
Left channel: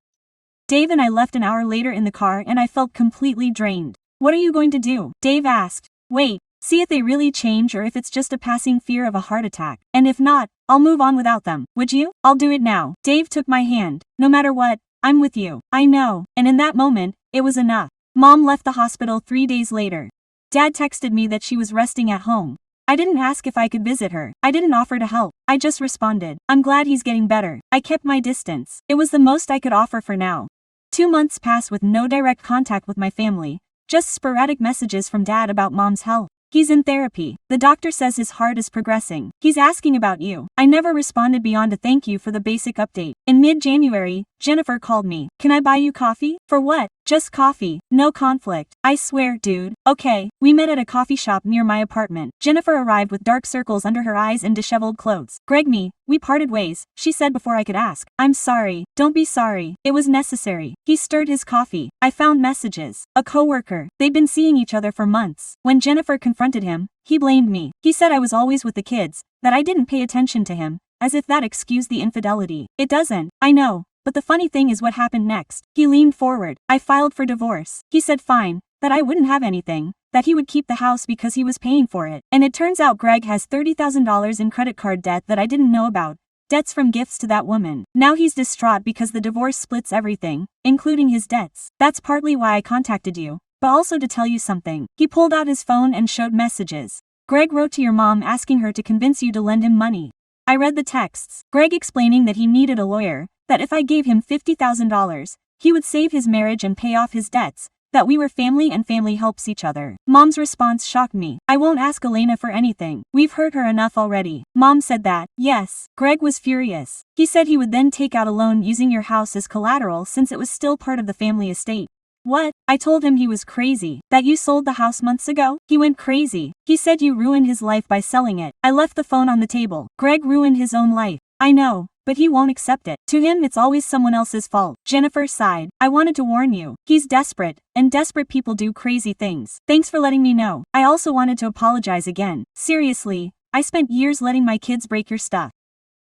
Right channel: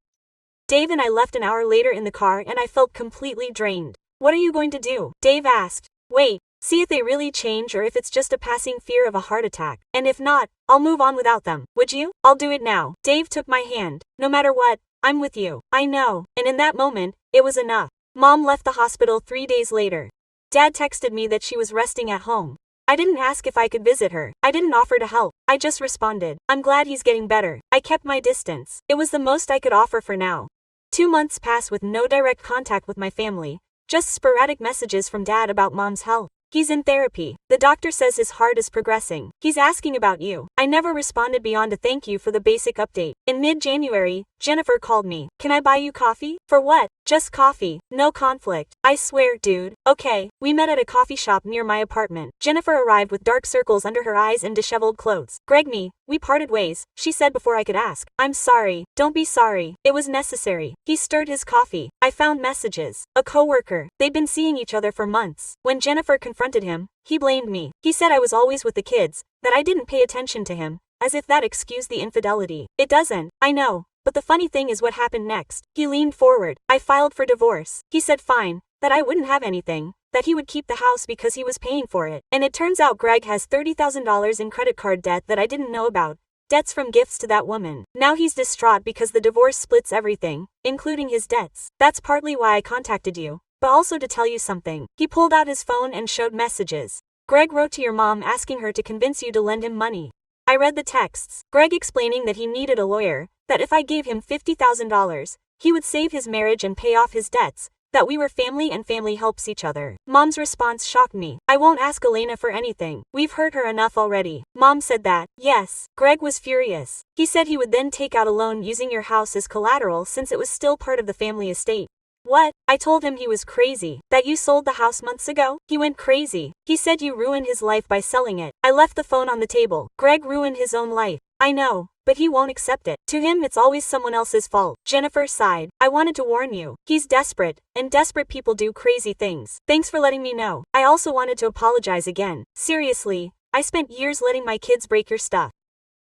Dave and I left an hour later in the car and I felt completely drained. What are you going to do? Dave asked. Wait, see if they really change or if it's just a passing fear of a heart attack. And if not, I'll move on without them. Would you? I'll do it now. Dave took my hand. No matter what, I'm with you. I know. And in that moment, it was enough. Mom left the hospital 3 days later. Dad texted me that she was resting at home. I didn't ask if I could visit her. I didn't offer to help. I just responded. I'm glad he's getting better. I kept my distance. It was the most I could offer for now. 2 months passed with no direct contact with my family. Just sporadic messages from Dad about Mom's health. He's in therapy. The doctor says his heart is progressing. He's asking about you. I never responded beyond a thank you for the basic update. In mid-January, Jennifer called me. Can I buy you coffee? For what? Just coffee. No conflict. I swear, dude. Okay. We met at a coffee shop near my apartment. Jennifer arrived with dark circles under her eyes and disheveled clothes. Greg, we parted ways, she said before I could ask. I'm sorry. Don't be sorry. It was necessary. He stirred his coffee. I found messages. A coworker. They'd been seeing each other for months. When Jennifer confronted him, he blamed me. He said I was always with the kids, that I didn't pay attention to him, as if that excused the infidelity. It doesn't. I know. But the funny thing is what happened next. He leaned forward. I filed for divorce. He said fine, that I wouldn't have anything, that he would keep the house because he was paying for it. And it turns out Greg has $30,000 in credit card debt that I didn't know about. Debts from gifts to that woman. Now he's distraught because the divorce splits everything, including his debts. That's partly why I contacted you, but also to tell you something. He pulled out his phone and showed messages. Greg wrote to your mom asking her to convince you to lend him money. I read the texts. Greg explaining that he needed a lawyer, that if I gave him $50,000, he would save his marriage and pay off his debts, that we were family and family helps each other. Mom's response shocked me. I won't ask Elena for anything. We've hurt her enough already. Mom said that. Yes. Greg was furious. He said he would then take out a loan using your house as collateral since it was still part of the family estate. What? I told him he was crazy. That you sold the house months ago? He went crazy. He said you ruined his life by selling it. I left the phone on the table. Greg ruined his own life. I know, but he won't accept it. To him it's always someone else's fault. Jennifer sighed. I wanted to warn you. He's desperate, and desperate people do crazy things. Thanks for letting me know. I also wanted to apologize again. Seriously, I spent years letting my kids break your stuff.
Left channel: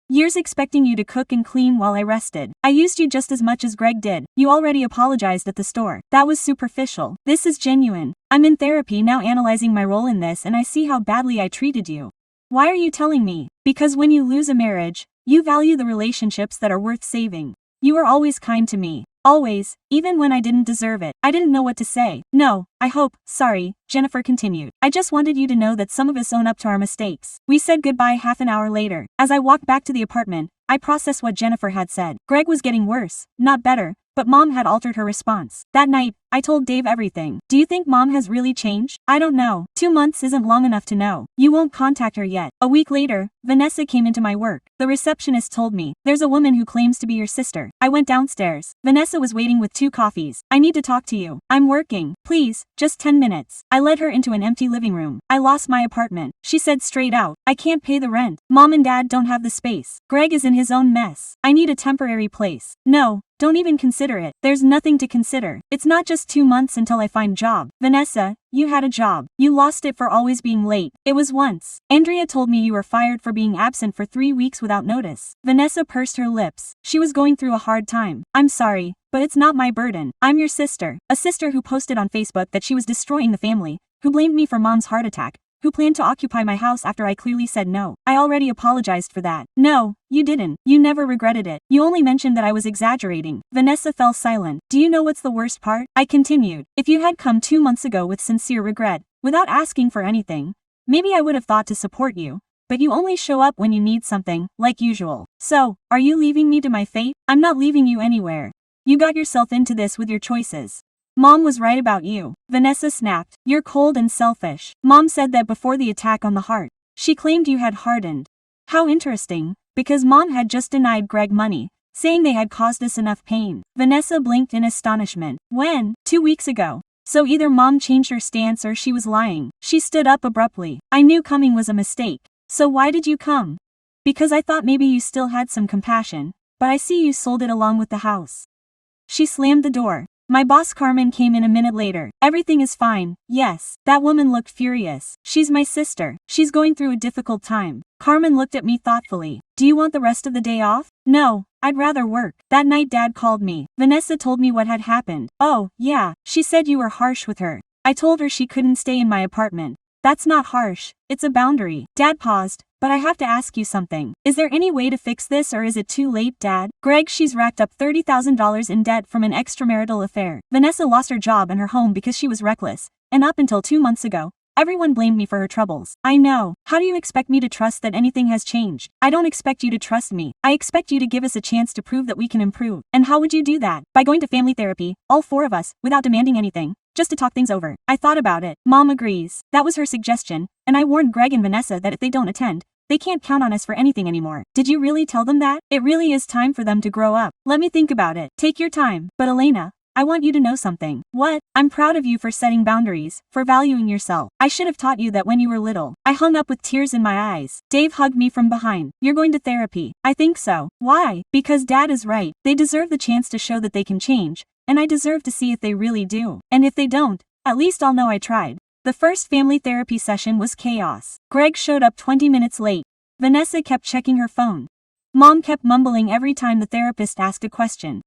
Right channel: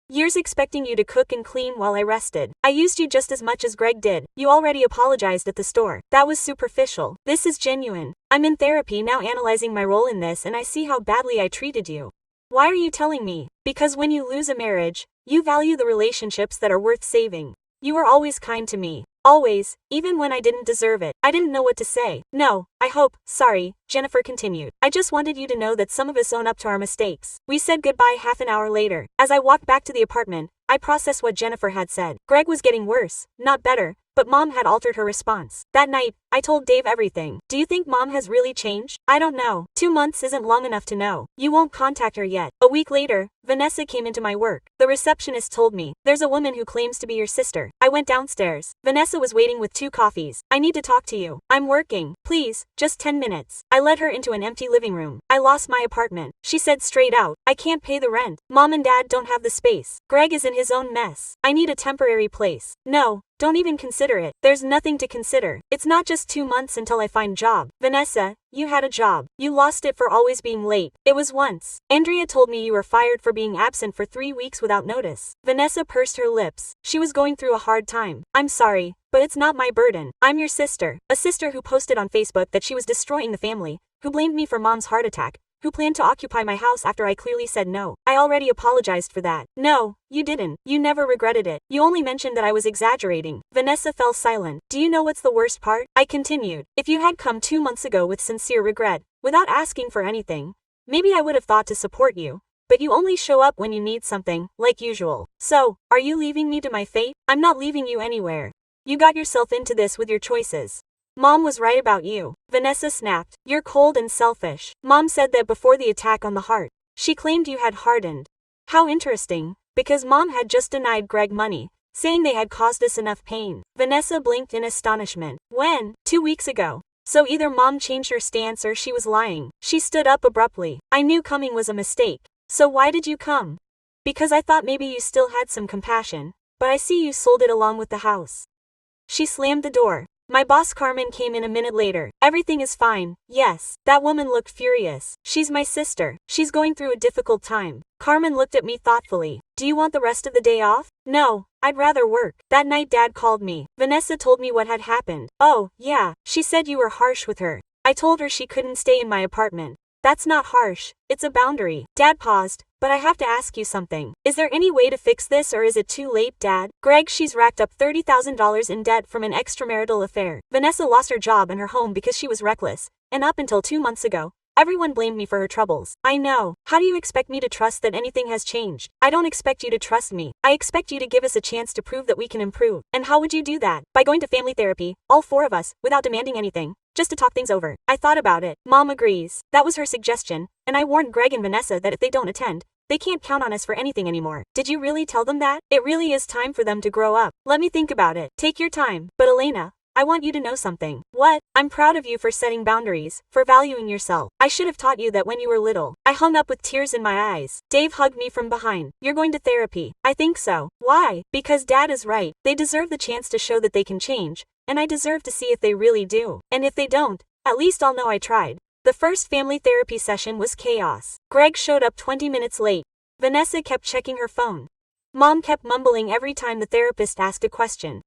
Years expecting you to cook and clean while I rested. I used you just as much as Greg did. You already apologized at the store. That was superficial. This is genuine. I'm in therapy now analyzing my role in this and I see how badly I treated you. Why are you telling me? Because when you lose a marriage, you value the relationships that are worth saving. You were always kind to me. Always, even when I didn't deserve it. I didn't know what to say. No, I hope. Sorry, Jennifer continued. I just wanted you to know that some of us own up to our mistakes. We said goodbye half an hour later. As I walked back to the apartment, I processed what Jennifer had said. Greg was getting worse, not better, but Mom had altered her response. That night, I told Dave everything. Do you think Mom has really changed? I don't know. 2 months isn't long enough to know. You won't contact her yet. A week later, Vanessa came into my work. The receptionist told me, there's a woman who claims to be your sister. I went downstairs. Vanessa was waiting with 2 coffees. I need to talk to you. I'm working. Please, just 10 minutes. I led her into an empty living room. I lost my apartment. She said straight out, I can't pay the rent. Mom and Dad don't have the space. Greg is in his own mess. I need a temporary place. No. Don't even consider it. There's nothing to consider. It's not just 2 months until I find job. Vanessa, you had a job. You lost it for always being late. It was once. Andrea told me you were fired for being absent for 3 weeks without notice. Vanessa pursed her lips. She was going through a hard time. I'm sorry, but it's not my burden. I'm your sister. A sister who posted on Facebook that she was destroying the family, who blamed me for Mom's heart attack, who planned to occupy my house after I clearly said no. I already apologized for that. No, you didn't. You never regretted it. You only mentioned that I was exaggerating. Vanessa fell silent. Do you know what's the worst part? I continued. If you had come 2 months ago with sincere regret, without asking for anything, maybe I would have thought to support you. But you only show up when you need something, like usual. So, are you leaving me to my fate? I'm not leaving you anywhere. You got yourself into this with your choices. Mom was right about you. Vanessa snapped. You're cold and selfish. Mom said that before the attack on the heart. She claimed you had hardened. How interesting, because Mom had just denied Greg money, saying they had caused us enough pain. Vanessa blinked in astonishment. When? 2 weeks ago. So either Mom changed her stance or she was lying. She stood up abruptly. I knew coming was a mistake. So why did you come? Because I thought maybe you still had some compassion, but I see you sold it along with the house. She slammed the door. My boss Carmen came in a minute later. Everything is fine. Yes. That woman looked furious. She's my sister. She's going through a difficult time. Carmen looked at me thoughtfully. Do you want the rest of the day off? No, I'd rather work. That night Dad called me. Vanessa told me what had happened. Oh, yeah. She said you were harsh with her. I told her she couldn't stay in my apartment. That's not harsh. It's a boundary. Dad paused. But I have to ask you something. Is there any way to fix this or is it too late, Dad? Greg, she's racked up $30,000 in debt from an extramarital affair. Vanessa lost her job and her home because she was reckless. And up until 2 months ago, everyone blamed me for her troubles. I know. How do you expect me to trust that anything has changed? I don't expect you to trust me. I expect you to give us a chance to prove that we can improve. And how would you do that? By going to family therapy, all 4 of us, without demanding anything. Just to talk things over. I thought about it. Mom agrees. That was her suggestion. And I warned Greg and Vanessa that if they don't attend, they can't count on us for anything anymore. Did you really tell them that? It really is time for them to grow up. Let me think about it. Take your time. But Elena, I want you to know something. What? I'm proud of you for setting boundaries, for valuing yourself. I should have taught you that when you were little. I hung up with tears in my eyes. Dave hugged me from behind. You're going to therapy. I think so. Why? Because Dad is right. They deserve the chance to show that they can change. And I deserve to see if they really do. And if they don't, at least I'll know I tried. The first family therapy session was chaos. Greg showed up 20 minutes late. Vanessa kept checking her phone. Mom kept mumbling every time the therapist asked a question.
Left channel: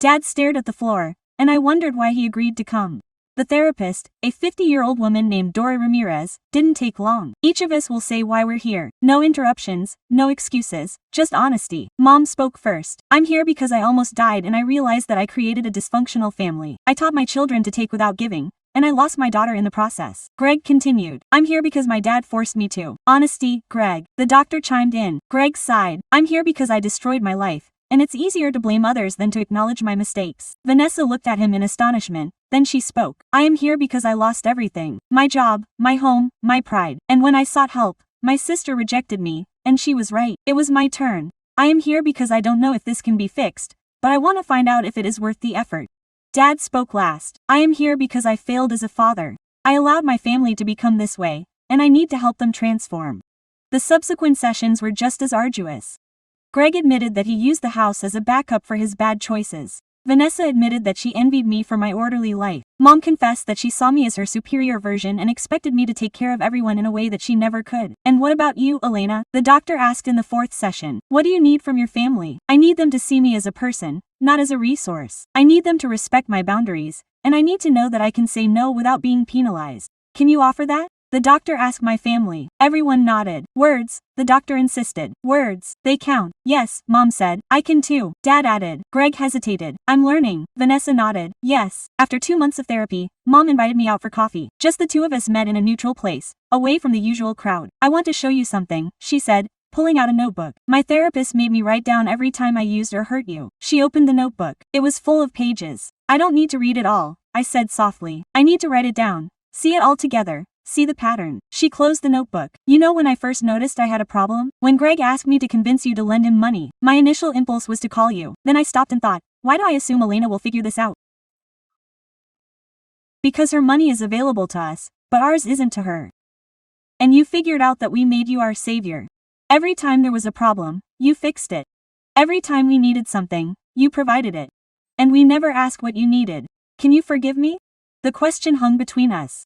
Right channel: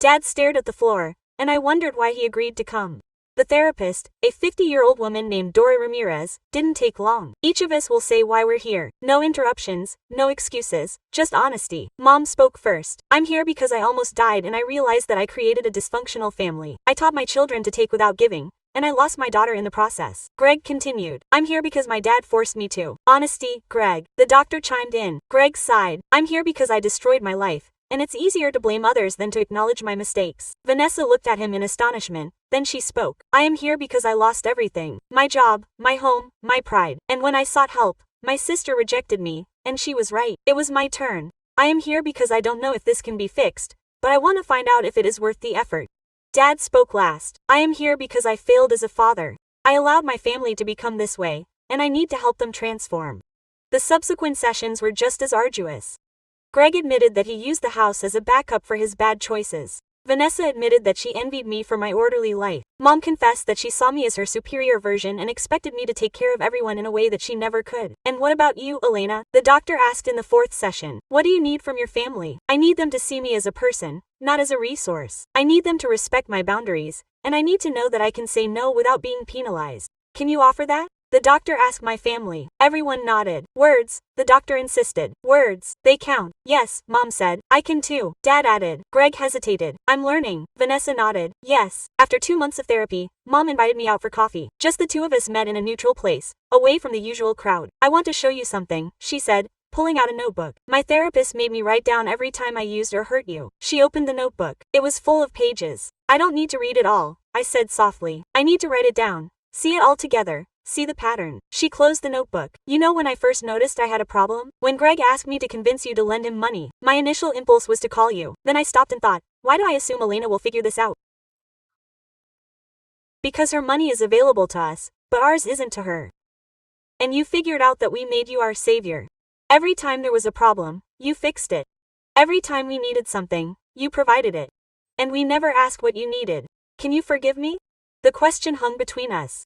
Dad stared at the floor, and I wondered why he agreed to come. The therapist, a 50-year-old woman named Dora Ramirez, didn't take long. Each of us will say why we're here. No interruptions, no excuses, just honesty. Mom spoke first. I'm here because I almost died and I realized that I created a dysfunctional family. I taught my children to take without giving, and I lost my daughter in the process. Greg continued. I'm here because my dad forced me to. Honesty, Greg. The doctor chimed in. Greg sighed. I'm here because I destroyed my life, and it's easier to blame others than to acknowledge my mistakes. Vanessa looked at him in astonishment. Then she spoke. I am here because I lost everything. My job, my home, my pride. And when I sought help, my sister rejected me, and she was right. It was my turn. I am here because I don't know if this can be fixed, but I want to find out if it is worth the effort. Dad spoke last. I am here because I failed as a father. I allowed my family to become this way, and I need to help them transform. The subsequent sessions were just as arduous. Greg admitted that he used the house as a backup for his bad choices. Vanessa admitted that she envied me for my orderly life. Mom confessed that she saw me as her superior version and expected me to take care of everyone in a way that she never could. And what about you, Elena? The doctor asked in the fourth session. What do you need from your family? I need them to see me as a person, not as a resource. I need them to respect my boundaries, and I need to know that I can say no without being penalized. Can you offer that? The doctor asked my family. Everyone nodded. Words, the doctor insisted. Words, they count. Yes, Mom said. I can too. Dad added. Greg hesitated. I'm learning. Vanessa nodded. Yes. After 2 months of therapy, Mom invited me out for coffee. Just the two of us met in a neutral place, away from the usual crowd. I want to show you something, she said, pulling out a notebook. My therapist made me write down every time I used or hurt you. She opened the notebook. It was full of pages. I don't need to read it all, I said softly. I need to write it down. See it all together. See the pattern. She closed the notebook. You know when I first noticed I had a problem? When Greg asked me to convince you to lend him money. My initial impulse was to call you. Then I stopped and thought, why do I assume Elena will figure this out? Because her money is available to us, but ours isn't to her. And you figured out that we made you our savior. Every time there was a problem, you fixed it. Every time we needed something, you provided it. And we never asked what you needed. Can you forgive me? The question hung between us.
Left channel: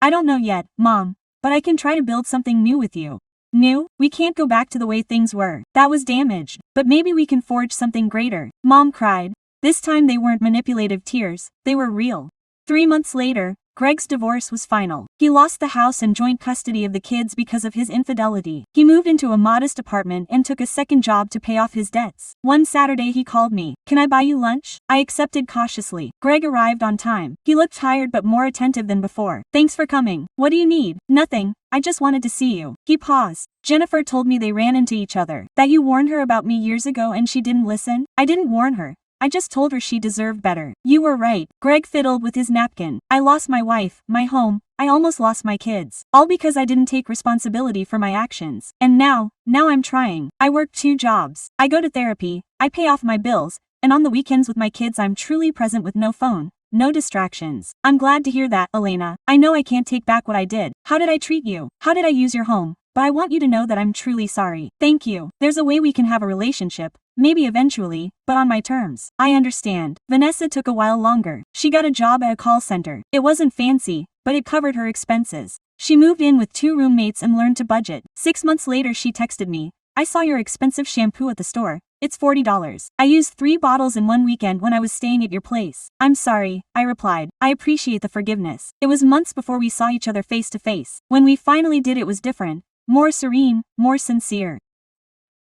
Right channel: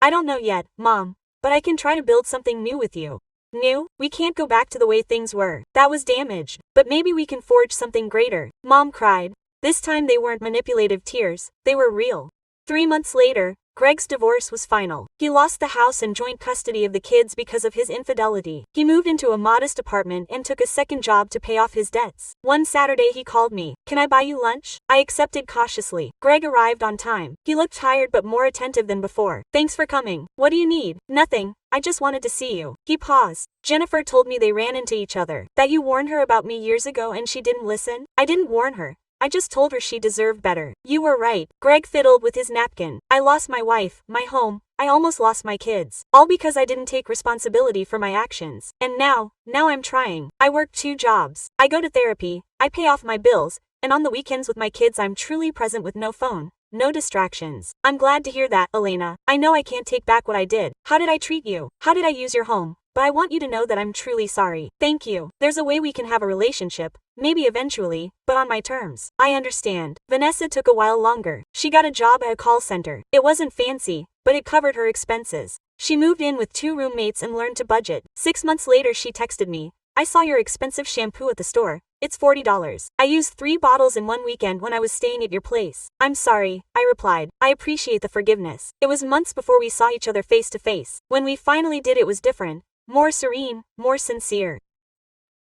I don't know yet, Mom, but I can try to build something new with you. New? We can't go back to the way things were. That was damaged. But maybe we can forge something greater. Mom cried. This time they weren't manipulative tears, they were real. 3 months later, Greg's divorce was final. He lost the house and joint custody of the kids because of his infidelity. He moved into a modest apartment and took a second job to pay off his debts. One Saturday he called me. Can I buy you lunch? I accepted cautiously. Greg arrived on time. He looked tired but more attentive than before. Thanks for coming. What do you need? Nothing. I just wanted to see you. He paused. Jennifer told me they ran into each other. That you warned her about me years ago and she didn't listen? I didn't warn her. I just told her she deserved better. You were right. Greg fiddled with his napkin. I lost my wife, my home, I almost lost my kids. All because I didn't take responsibility for my actions. And now I'm trying. I work 2 jobs. I go to therapy, I pay off my bills, and on the weekends with my kids I'm truly present with no phone, no distractions. I'm glad to hear that, Elena. I know I can't take back what I did. How did I treat you? How did I use your home? But I want you to know that I'm truly sorry. Thank you. There's a way we can have a relationship, maybe eventually, but on my terms. I understand. Vanessa took a while longer. She got a job at a call center. It wasn't fancy, but it covered her expenses. She moved in with 2 roommates and learned to budget. 6 months later she texted me. I saw your expensive shampoo at the store. It's $40. I used 3 bottles in one weekend when I was staying at your place. I'm sorry, I replied. I appreciate the forgiveness. It was months before we saw each other face to face. When we finally did, it was different. More serene, more sincere.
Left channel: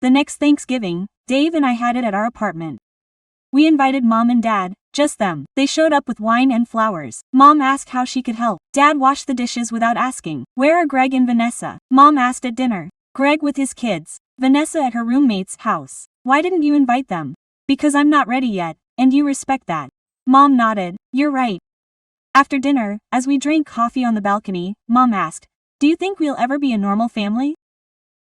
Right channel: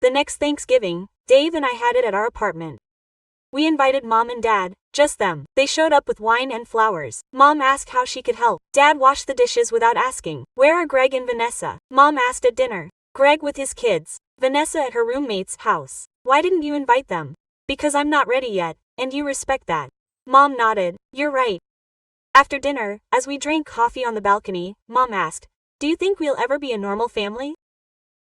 The next Thanksgiving, Dave and I had it at our apartment. We invited Mom and Dad, just them. They showed up with wine and flowers. Mom asked how she could help. Dad washed the dishes without asking. Where are Greg and Vanessa? Mom asked at dinner. Greg with his kids, Vanessa at her roommate's house. Why didn't you invite them? Because I'm not ready yet, and you respect that. Mom nodded. You're right. After dinner, as we drank coffee on the balcony, Mom asked, do you think we'll ever be a normal family?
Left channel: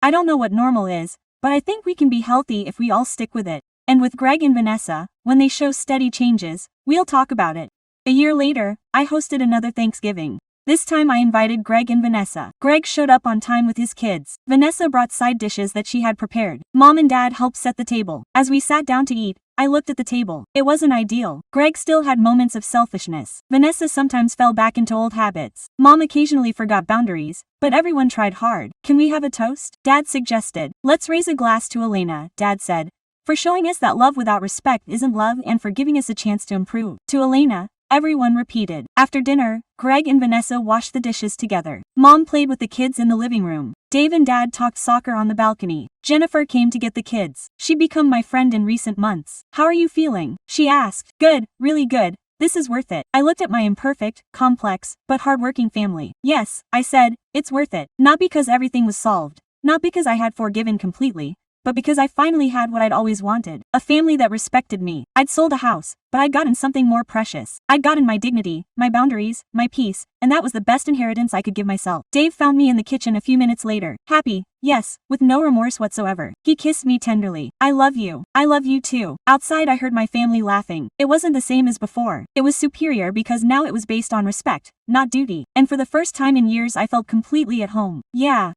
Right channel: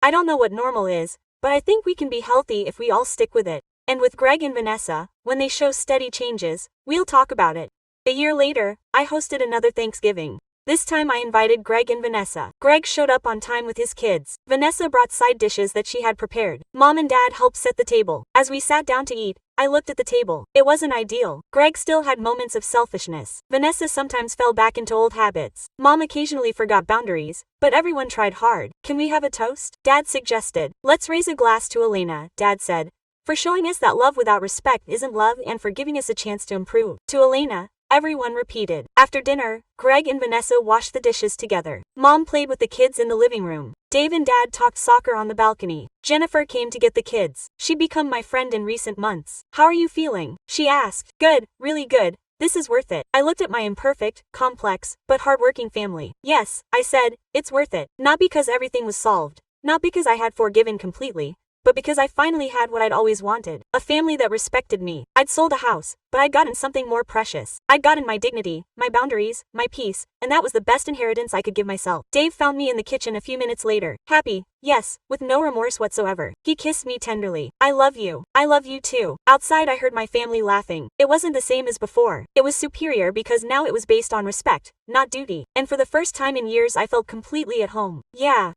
I don't know what normal is, but I think we can be healthy if we all stick with it. And with Greg and Vanessa, when they show steady changes, we'll talk about it. A year later, I hosted another Thanksgiving. This time I invited Greg and Vanessa. Greg showed up on time with his kids. Vanessa brought side dishes that she had prepared. Mom and Dad helped set the table. As we sat down to eat, I looked at the table. It wasn't ideal. Greg still had moments of selfishness. Vanessa sometimes fell back into old habits. Mom occasionally forgot boundaries, but everyone tried hard. Can we have a toast? Dad suggested. Let's raise a glass to Elena, Dad said, for showing us that love without respect isn't love and for giving us a chance to improve. To Elena, everyone repeated. After dinner, Greg and Vanessa washed the dishes together. Mom played with the kids in the living room. Dave and Dad talked soccer on the balcony. Jennifer came to get the kids. She'd become my friend in recent months. How are you feeling? She asked. Good, really good. This is worth it. I looked at my imperfect, complex, but hardworking family. Yes, I said, it's worth it. Not because everything was solved. Not because I had forgiven completely. But because I finally had what I'd always wanted. A family that respected me. I'd sold a house, but I'd gotten something more precious. I'd gotten my dignity, my boundaries, my peace, and that was the best inheritance I could give myself. Dave found me in the kitchen a few minutes later. Happy, yes, with no remorse whatsoever. He kissed me tenderly. I love you. I love you too. Outside I heard my family laughing. It wasn't the same as before. It was superior because now it was based on respect, not duty. And for the first time in years I felt completely at home. Yeah,